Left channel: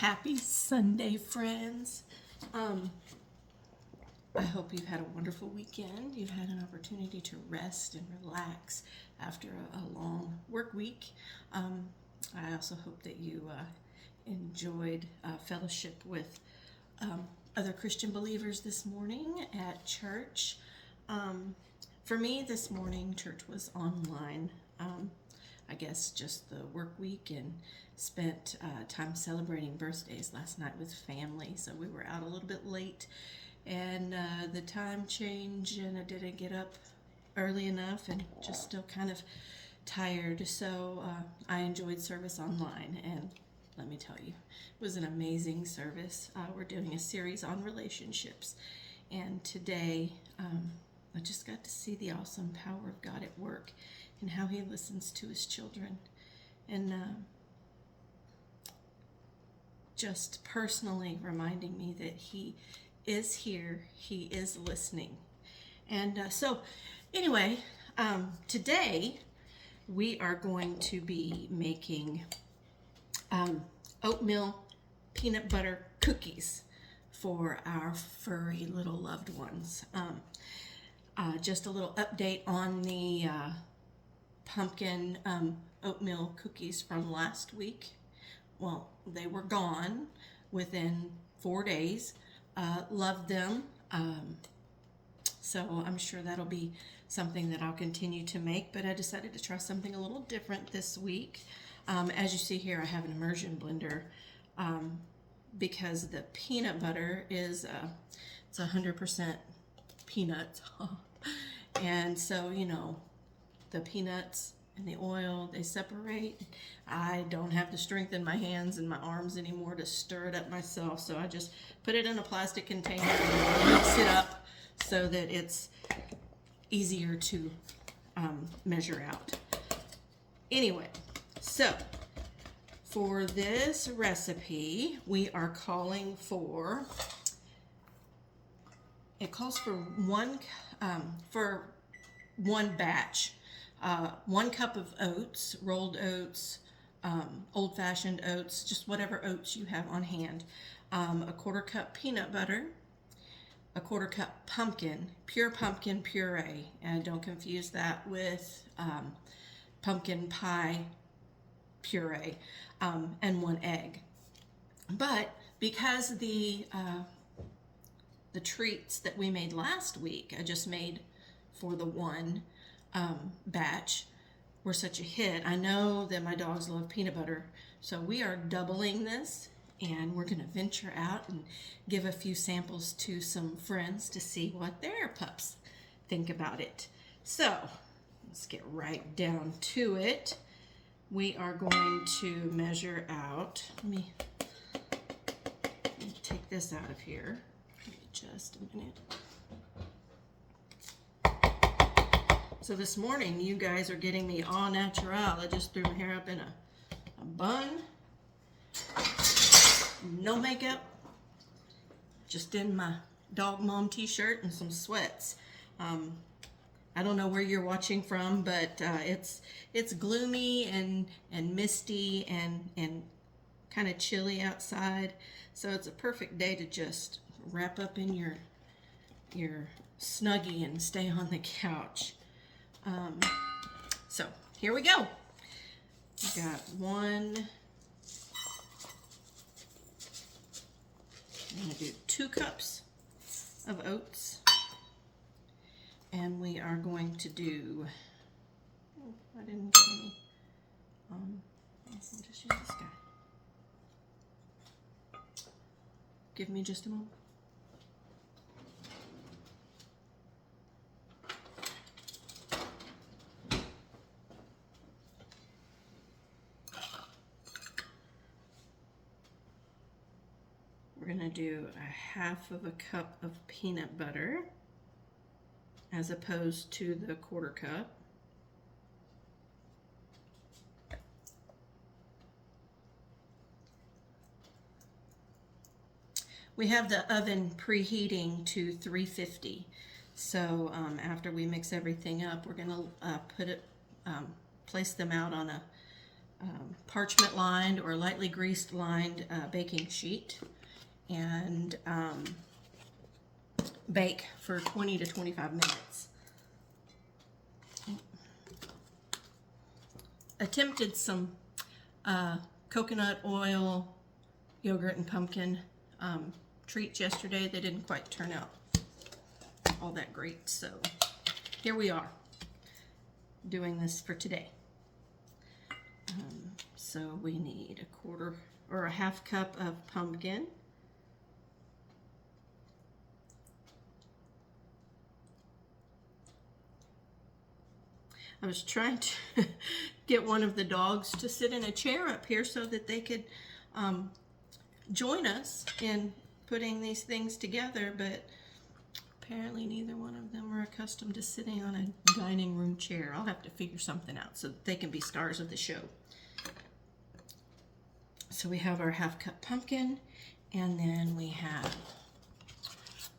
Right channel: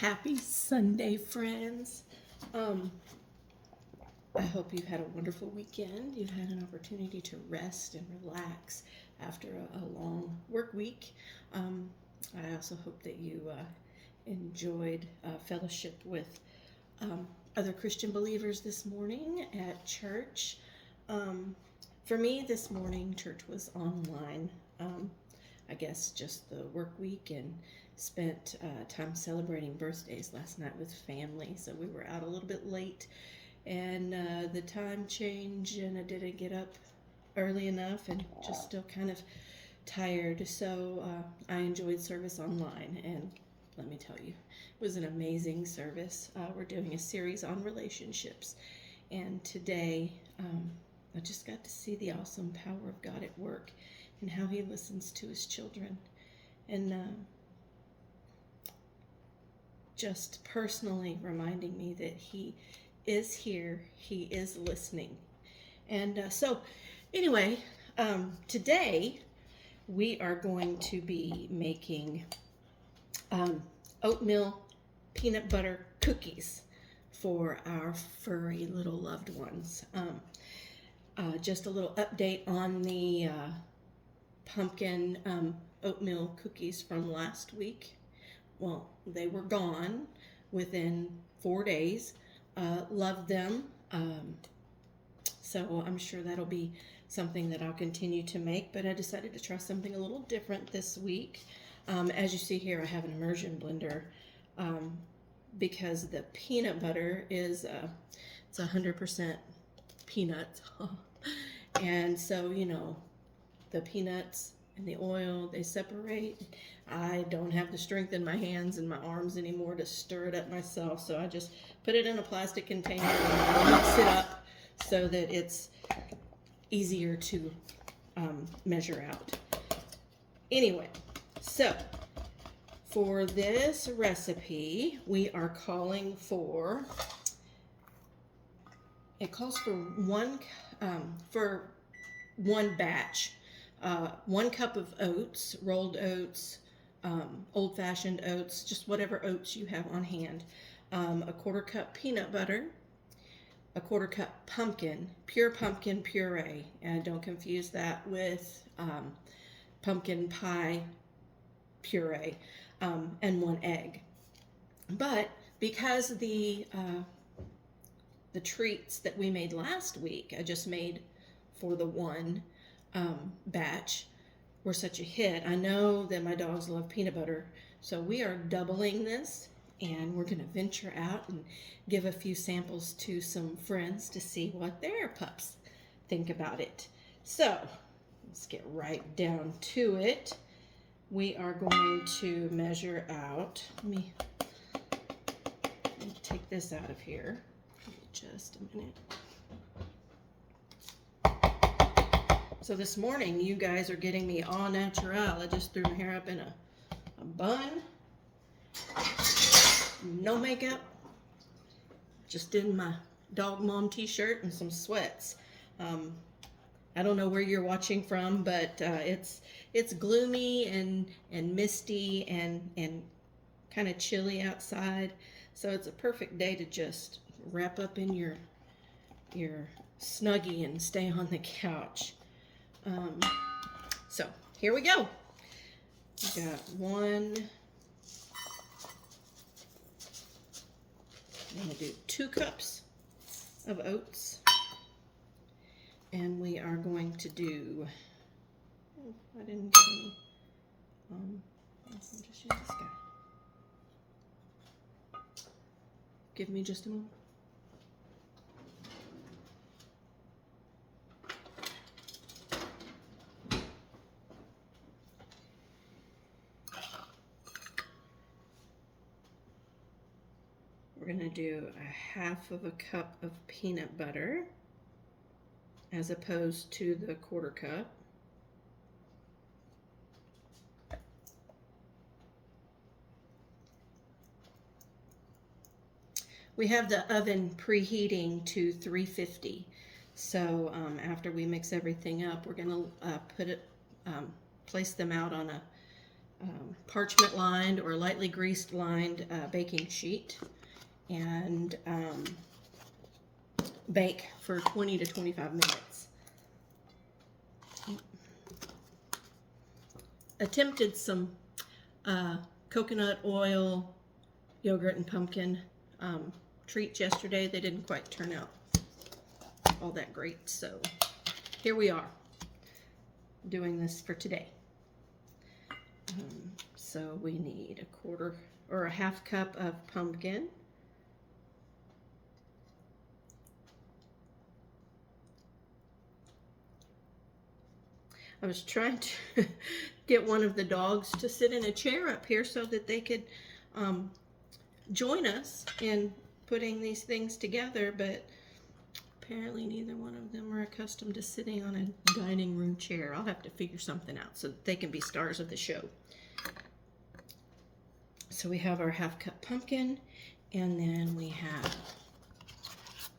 Happy Sunday, friends. I hope you've had a wonderful weekend. You've had an opportunity to rest and relax after a long work week. I also hope that you enjoyed fellowship with other Christian believers this morning at church. For me, this morning, church was online. I guess just the work week, and spent time celebrating birthdays last night with family. So we were out a little bit late, and the time changed, and I didn't get up early enough, and just still kind of tired. So I enjoyed service online, and let me tell you, it was an amazing service. We're doing a series on relationships, and today I just got to see the awesome power of God at work and how he listens to his children. And just personally reminding me that he is here, he is listening. And so anyway, today we are going to be making oatmeal peanut butter cookies for our furry little loved ones. Just a little update on the pumpkin oatmeal cookies from last week. Well, they were gone within 4 days. Loved them. So I'm sure that'll be something that I'll continue to make, but I decided to try something a little different this week. As you see here, I have an immersion blender because the peanut butter is it's 100% peanuts. And so, you know, the peanuts and the oil, they separate. I don't have the strength in my hands and my arms anymore to stir it up myself, so I just put it in a plastic container and mix it up so that it's easier to measure out. Anyway, so for this recipe, we are calling for, it calls for one batch. 1 cup of oats, rolled oats, old-fashioned oats, just whatever oats you have on hand. A 1/4 cup peanut butter, a 1/4 cup pumpkin, pure pumpkin puree, and don't confuse that with pumpkin pie puree, and 1 egg. But because the treats that we made last week, I just made for the one batch, were such a hit. I know that my dogs love peanut butter, so we are doubling this, and we're going to venture out and give a few samples to some friends to see what their pups think about it. So let's get right down to it. We are going to measure out. Let me take this out of here. Give me just a minute. So this morning, you guys are getting me au naturel. I just threw my hair up in a bun. No makeup. Just in my dog mom t-shirt and some sweats. I don't know where you're watching from, but it's gloomy and misty and kind of chilly outside. So it's a perfect day to just wrap up in your Snuggie and stay on the couch. So here we go. We got 1. I'm going to do 2 cups of oats, and we are going to do. Oh, I didn't get any. I'll just use this guy. Give me just a moment. We're going to do a 1/2 cup of peanut butter as opposed to the 1/4 cup. We have the oven preheating to 350. So after we mix everything up, we're going to place them out on a parchment lined or lightly greased lined baking sheet, and bake for 20 to 25 minutes. Attempted some coconut oil, yogurt, and pumpkin treats yesterday. They didn't quite turn out all that great, so here we are doing this for today. So we need a quarter or a half cup of pumpkin, I was trying to get one of the dogs to sit in a chair up here so that they could join us in putting these things together, but apparently neither one of them are accustomed to sitting on a dining room chair. I'll have to figure something out so that they can be stars of the show. So we have our half cup pumpkin, and then we have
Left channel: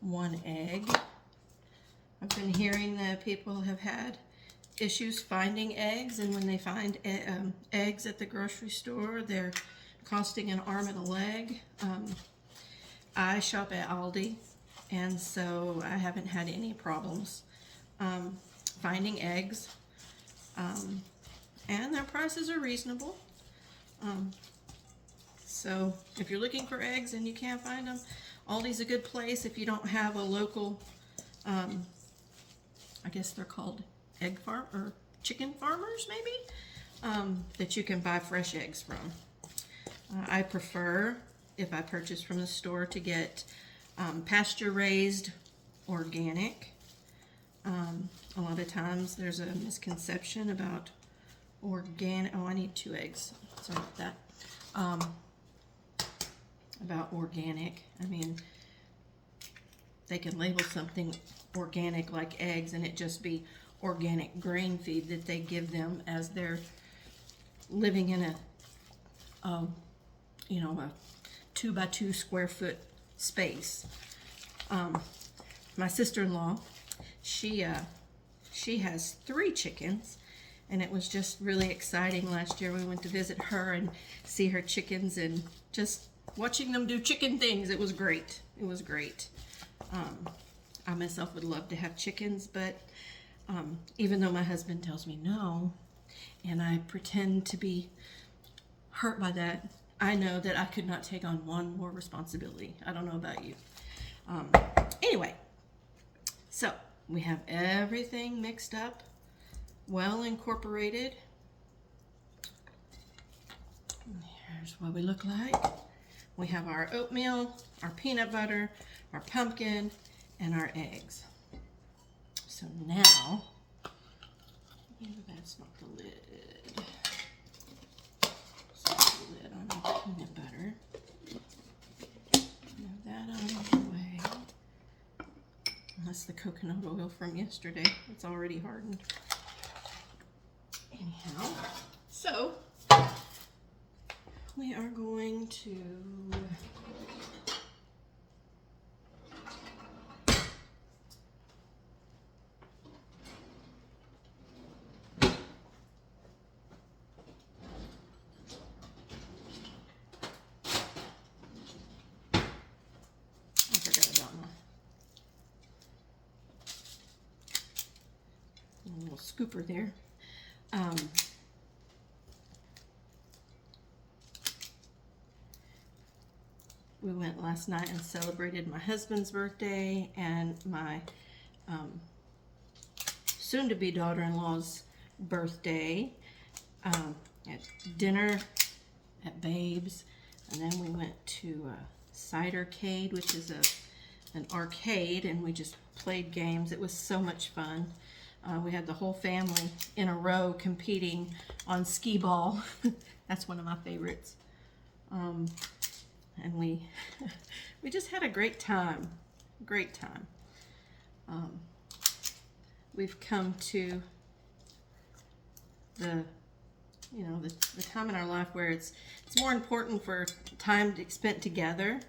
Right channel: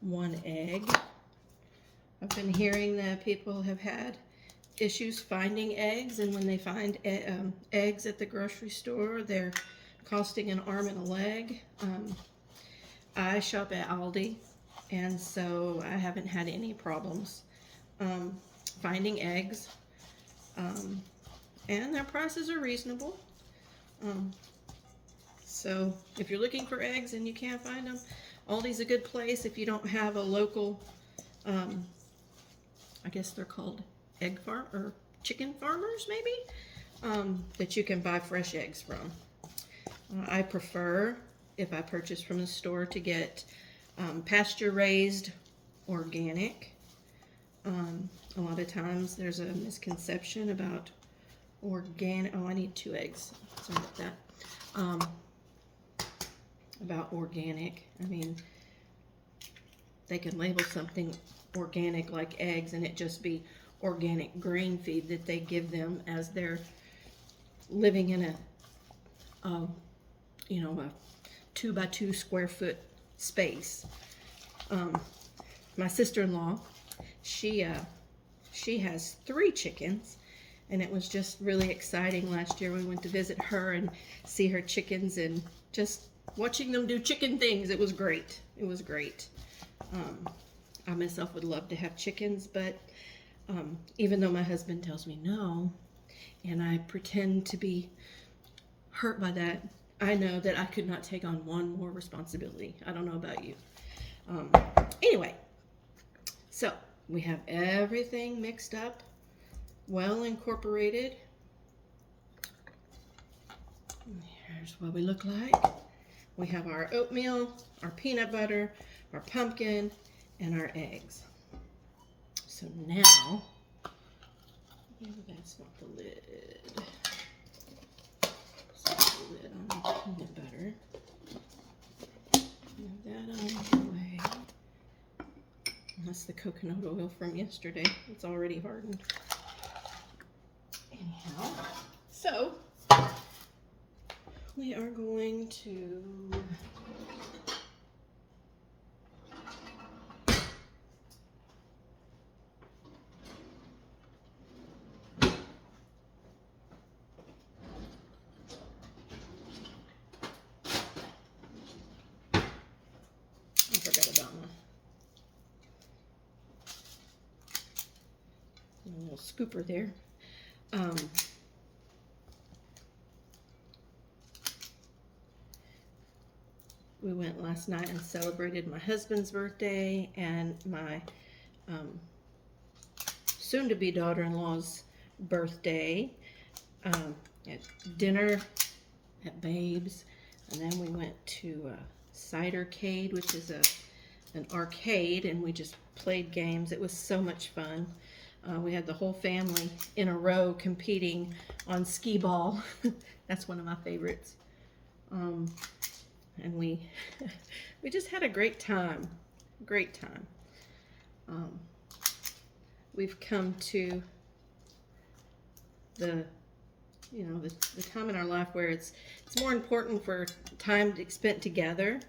1 egg. I've been hearing that people have had issues finding eggs, and when they find eggs at the grocery store, they're costing an arm and a leg. I shop at Aldi, and so I haven't had any problems finding eggs, and their prices are reasonable. So if you're looking for eggs and you can't find them, Aldi's a good place. If you don't have a local, I guess they're called egg farm or chicken farmers, maybe, that you can buy fresh eggs from. I prefer, if I purchase from the store, to get pasture raised organic. A lot of times there's a misconception about organic. Oh, I need 2 eggs. Sorry about that. About organic. I mean, they can label something organic like eggs and it just be organic grain feed that they give them as they're living in a 2 by 2 square foot space. My sister-in-law, she has 3 chickens, and it was just really exciting. Last year we went to visit her and see her chickens, and just watching them do chicken things, it was great. It was great. I myself would love to have chickens, but even though my husband tells me no, and I pretend to be hurt by that, I know that I could not take on one more responsibility. I don't know about you. Anyway, so we have everything mixed up, well incorporated. Here's what we look like. We have our oatmeal, our peanut butter, our pumpkin, and our eggs. So now, that's not the lid. That's the lid on the peanut butter. Move that out of the way. That's the coconut oil from yesterday. It's already hardened. Anyhow, so we are going to little scooper there. We went last night and celebrated my husband's birthday and my soon-to-be daughter-in-law's birthday at dinner at Babe's, and then we went to Cidercade, which is an arcade, and we just played games. It was so much fun. We had the whole family in a row competing on skee ball. That's one of my favorites. And we just had a great time. Great time. We've come to the time in our life where it's more important for time spent together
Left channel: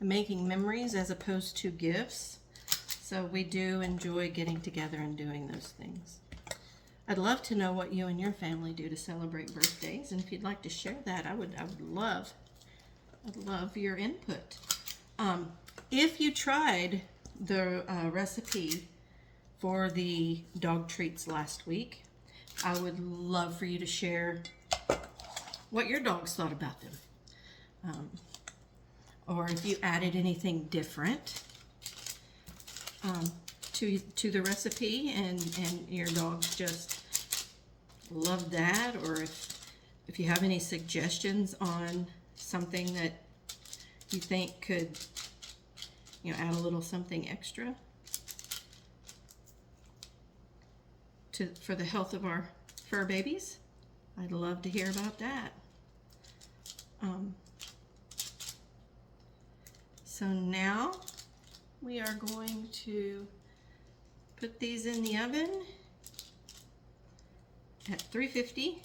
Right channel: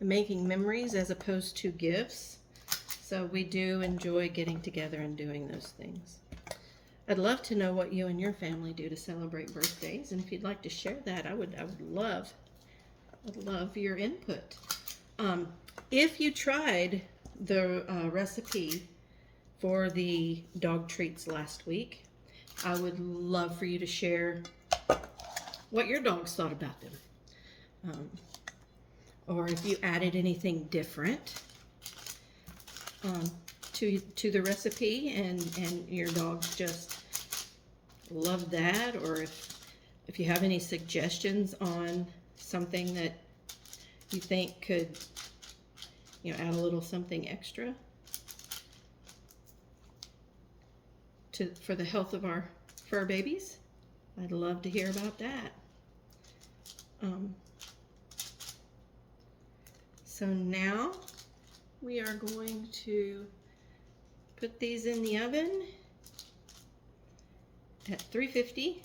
and making memories as opposed to gifts. So we do enjoy getting together and doing those things. I'd love to know what you and your family do to celebrate birthdays, and if you'd like to share that, I'd love your input. If you tried the recipe for the dog treats last week, I would love for you to share what your dogs thought about them. Or if you added anything different to the recipe and your dogs just loved that, or if you have any suggestions on something that you think could, add a little something extra for the health of our fur babies, I'd love to hear about that. So now we are going to put these in the oven at 350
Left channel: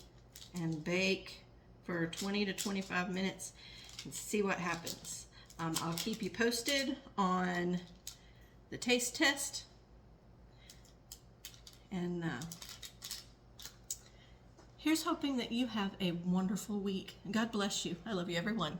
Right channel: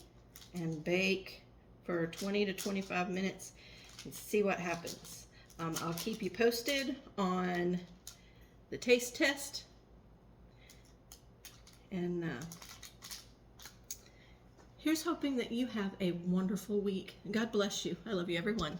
and bake for 20 to 25 minutes and see what happens. I'll keep you posted on the taste test, and here's hoping that you have a wonderful week. God bless you. I love you, everyone.